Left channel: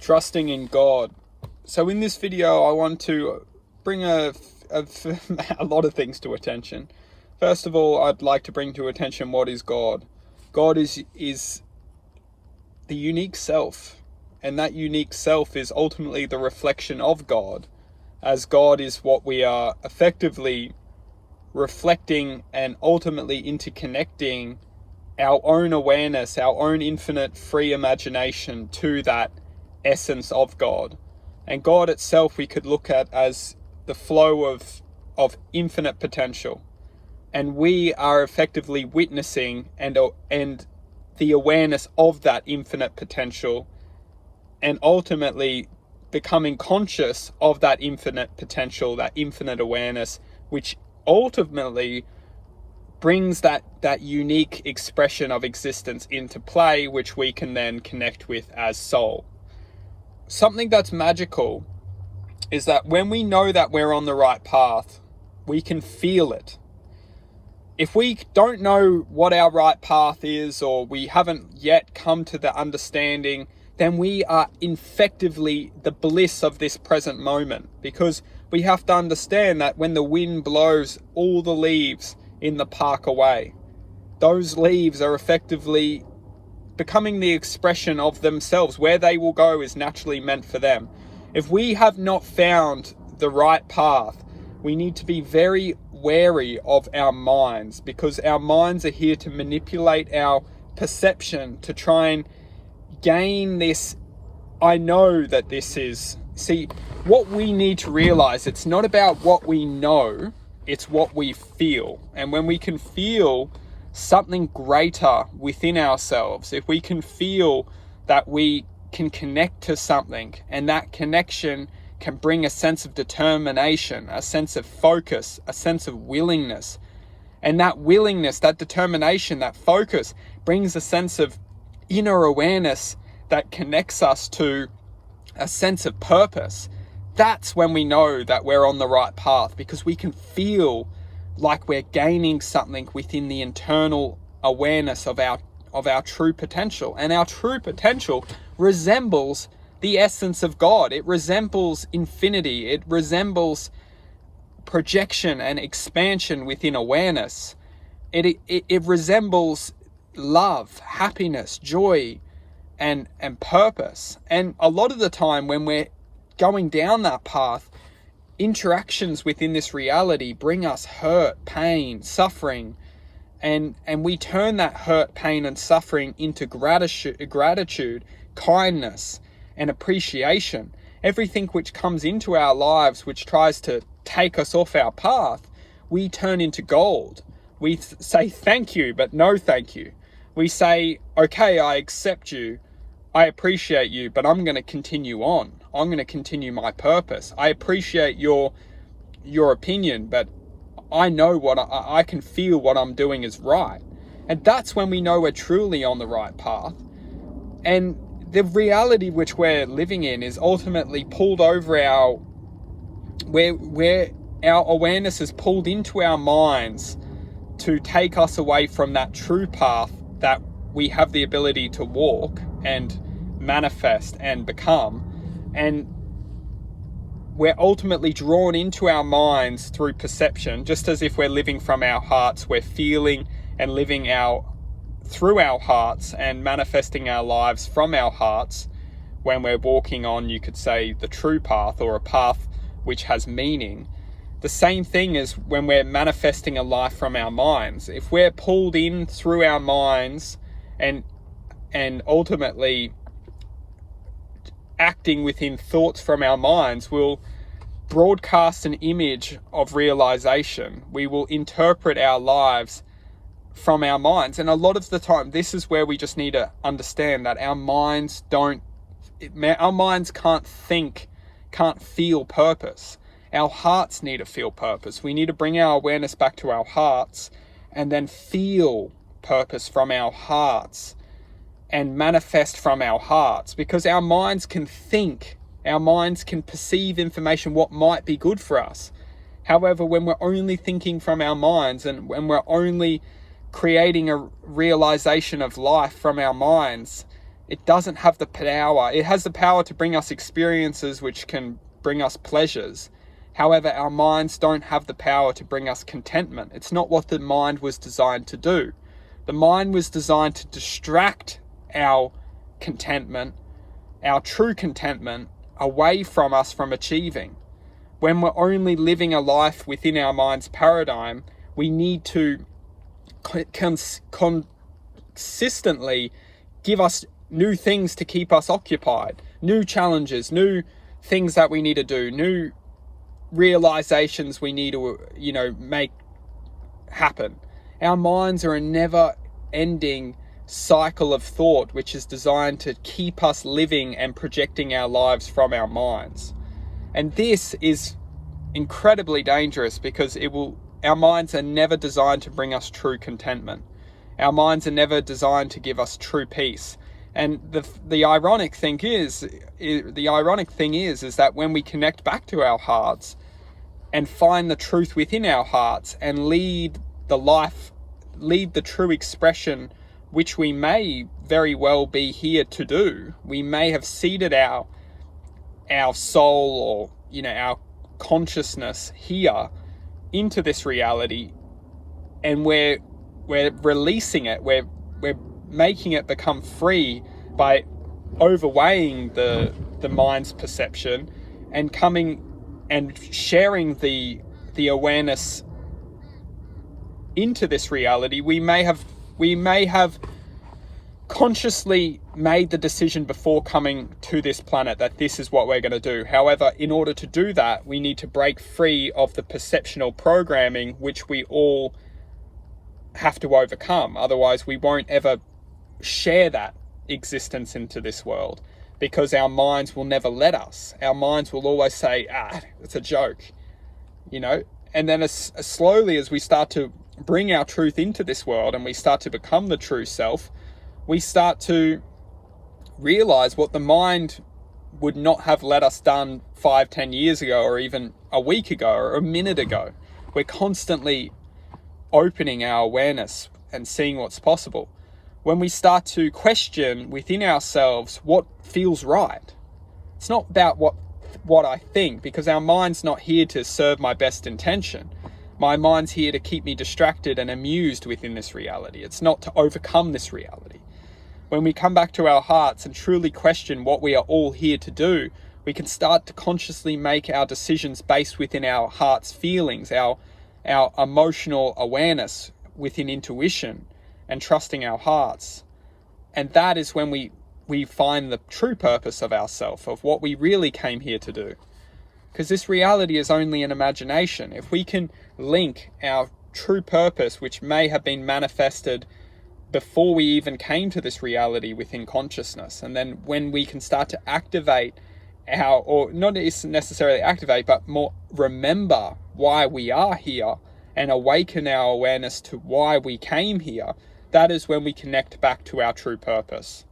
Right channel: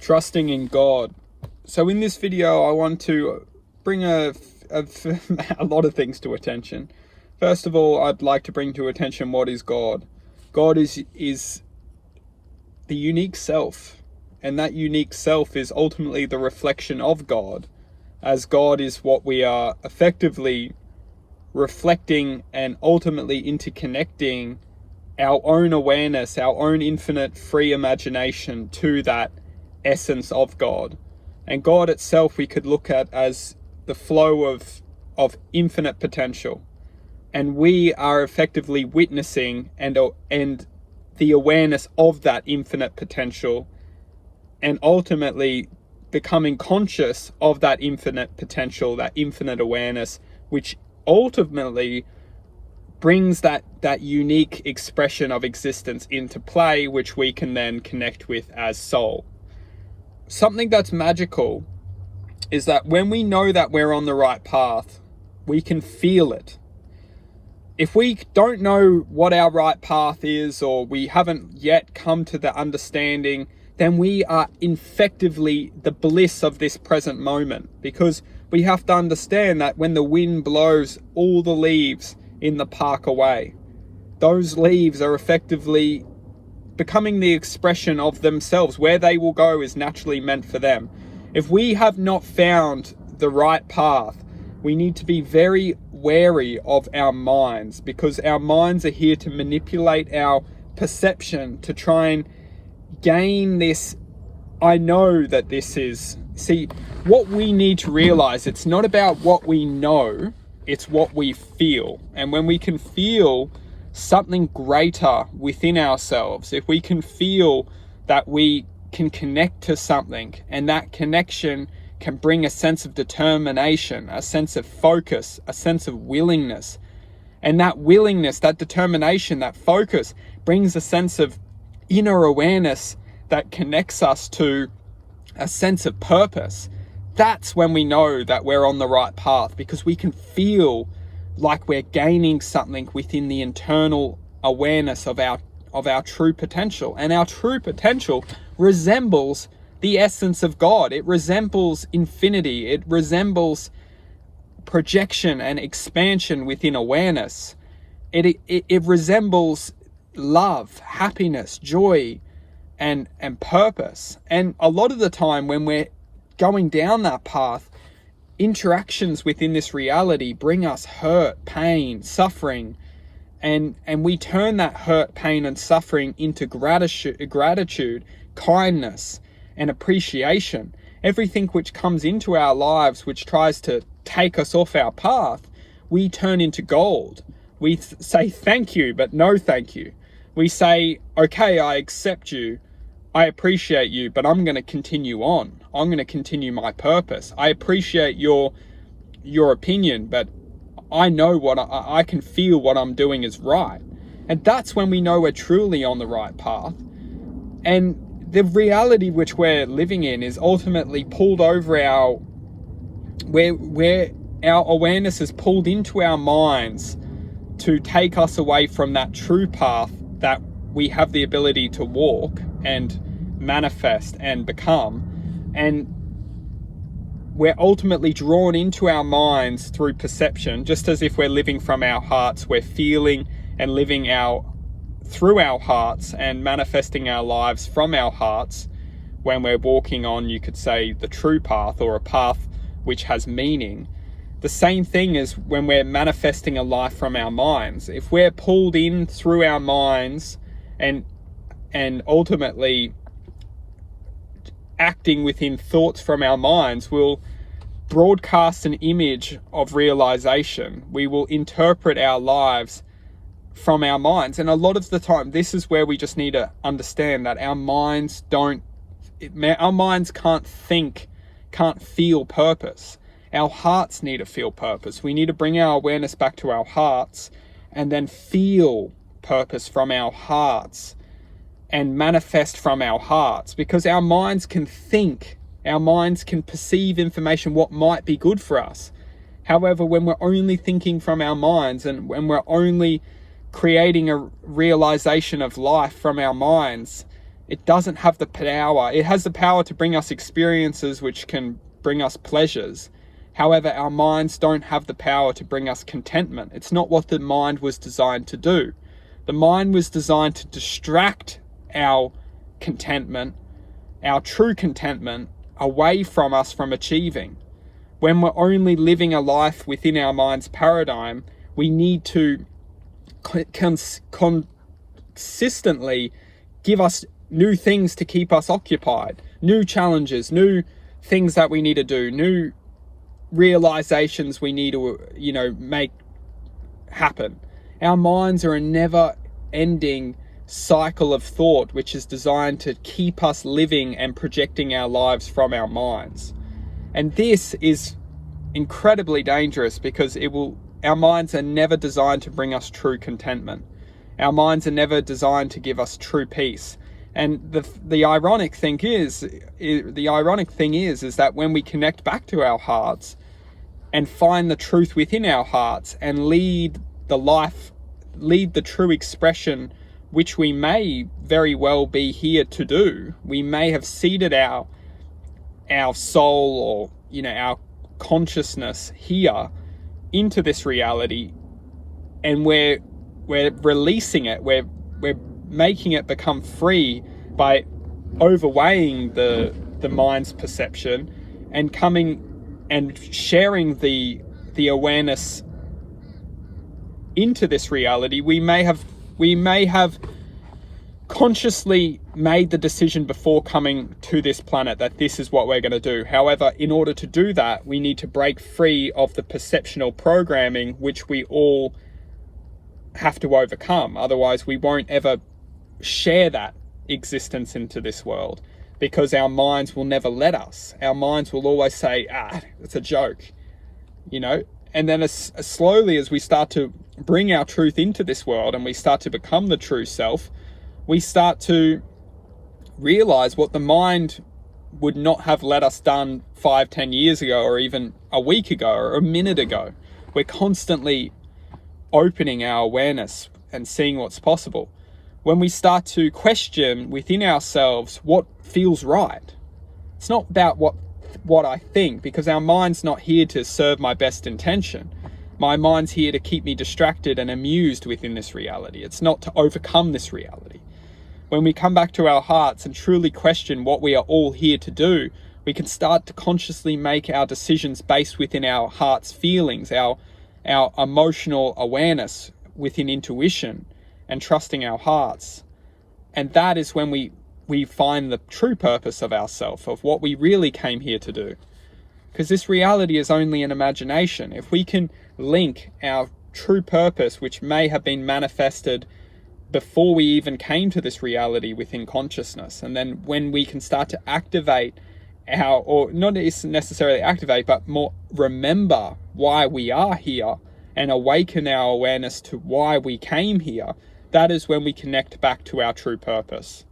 Trusting in God. So in this video, I want to bring a lot of things to attention. First of all, I'd like to bring to attention what is God. God is the unique self, and that unique self is ultimately the reflection of God, as God is what we are effectively reflecting and ultimately interconnecting our own awareness, our own infinite free imagination to that essence of God. And God itself we could look at as the flow of infinite potential. And we are effectively witnessing and the awareness of that infinite potential, and ultimately becoming conscious of that infinite potential, that infinite awareness, which ultimately brings that unique expression of existence into play, which we can then connect with as soul. Something that's magical is that when we know that we're on the right path, we can feel it. If we don't know what our right path is, or we haven't yet come to the understanding, then we are effectively the bliss of this present moment, because we have to understand that when the wind blows all the leaves in the park away, those leaves are effectively becoming the expression of themselves. Where they will go is naturally meant for them. If we have not found the right path, we need to be very wary of our minds, because our minds are here to manipulate our perception to try and gain this, I know that this is, see, what we need to realize, it's not about what we know, it's what we feel. And when we can feel something greater within ourselves, if we can feel that we can connect to something, and that connection can bring a sense of determination, a sense of focus, a sense of willingness, and that willingness, that determination, that focus brings a sense of inner awareness that connects us to a sense of purpose, that's when we know that we're on the right path, because we can feel like we're gaining something within the internal awareness of our true potential. And our true potential resembles the essence of God. It resembles infinity. It resembles projection and expansion within awareness. It resembles love, happiness, joy, and purpose. And a lot of the time when we're going down that path, interactions within this reality bring us hurt, pain, suffering, and we turn that hurt, pain, and suffering into gratitude, kindness, and appreciation. Everything which comes into our lives which tries to take us off our path, we turn into gold. We say thank you, but no thank you. We say, okay, I accept you, I appreciate you, but I'm going to continue on. I'm going to continue my purpose. I appreciate your opinion, but I know what I can feel what I'm doing is right. And that's when we know we're truly on the right path. And the reality which we're living in is ultimately pulled over where our awareness is pulled into our minds to take us away from that true path that we have the ability to walk and manifest and become. And we're ultimately drawn into our minds through perception, just as if we're living from our hearts, we're feeling and living through our hearts and manifesting our lives from our hearts when we're walking on, you could say, the true path, or a path which has meaning. The same thing is when we're manifesting a life from our minds. If we're pulled in through our minds and ultimately acting within thoughts from our minds, we'll broadcast an image of realization. We will interpret our lives from our minds. And a lot of the time, this is where we just need to understand that our minds can't think, can't feel purpose. Our hearts need to feel purpose. We need to bring our awareness back to our hearts and then feel purpose from our hearts and manifest from our hearts, because our minds can think, our minds can perceive information, what might be good for us. However, when we're only thinking from our minds, and when we're only creating a realization of life from our minds, It doesn't have the power. It has the power to bring us experiences which can bring us pleasures. However, our minds don't have the power to bring us contentment. It's not what the mind was designed to do. The mind was designed to distract our contentment, our true contentment, away from us from achieving. When we're only living a life within our mind's paradigm, we need to consistently give us new things to keep us occupied, new challenges, new things that we need to do, new realizations we need to, make happen. Our minds are a never-ending cycle of thought which is designed to keep us living and projecting our lives from our minds. And this is incredibly dangerous because our minds are never designed to bring us true contentment. Our minds are never designed to give us true peace. And the ironic thing is that when we connect back to our hearts and find the truth within our hearts and lead the true expression which we may very well be here to do, we may have seeded our soul or our consciousness here into this reality, and we're releasing it, we're making it become free by overweighing the mind's perception and coming and sharing the awareness into this reality. We may have consciously made the decision before coming to this planet that this is what we're going to do. However, in order to do that, we need to break free of the perceptional programming which we all have to overcome. Otherwise, we won't ever share that existence into this world, because our minds will never let us. Our minds will always say, it's a joke, and then as slowly as we start to bring our truth into this world and we start to become the true self, we start to realize what the mind would not have let us done 5-10 years ago, or even a week ago, or a minute ago. We're constantly opening our awareness and seeing what's possible. When we start to question within ourselves what feels right, it's not about what I think, because our mind's not here to serve my best intention. My mind's here to keep me distracted and amused within this reality. It's not to overcome this reality. When we come back to our hearts and truly question what we are all here to do, we can start to consciously make our decisions based within our heart's feelings, our emotional awareness within intuition and trusting our hearts. And that is when we find the true purpose of ourself, of what we really came here to do. Because this reality is only an imagination. If we can link our true purpose, which may have been manifested before we even came to this reality within consciousness, and then when we can start to activate or not necessarily activate, but more remember why we are here and awaken our awareness to why we came here, that is when we connect back to our true purpose.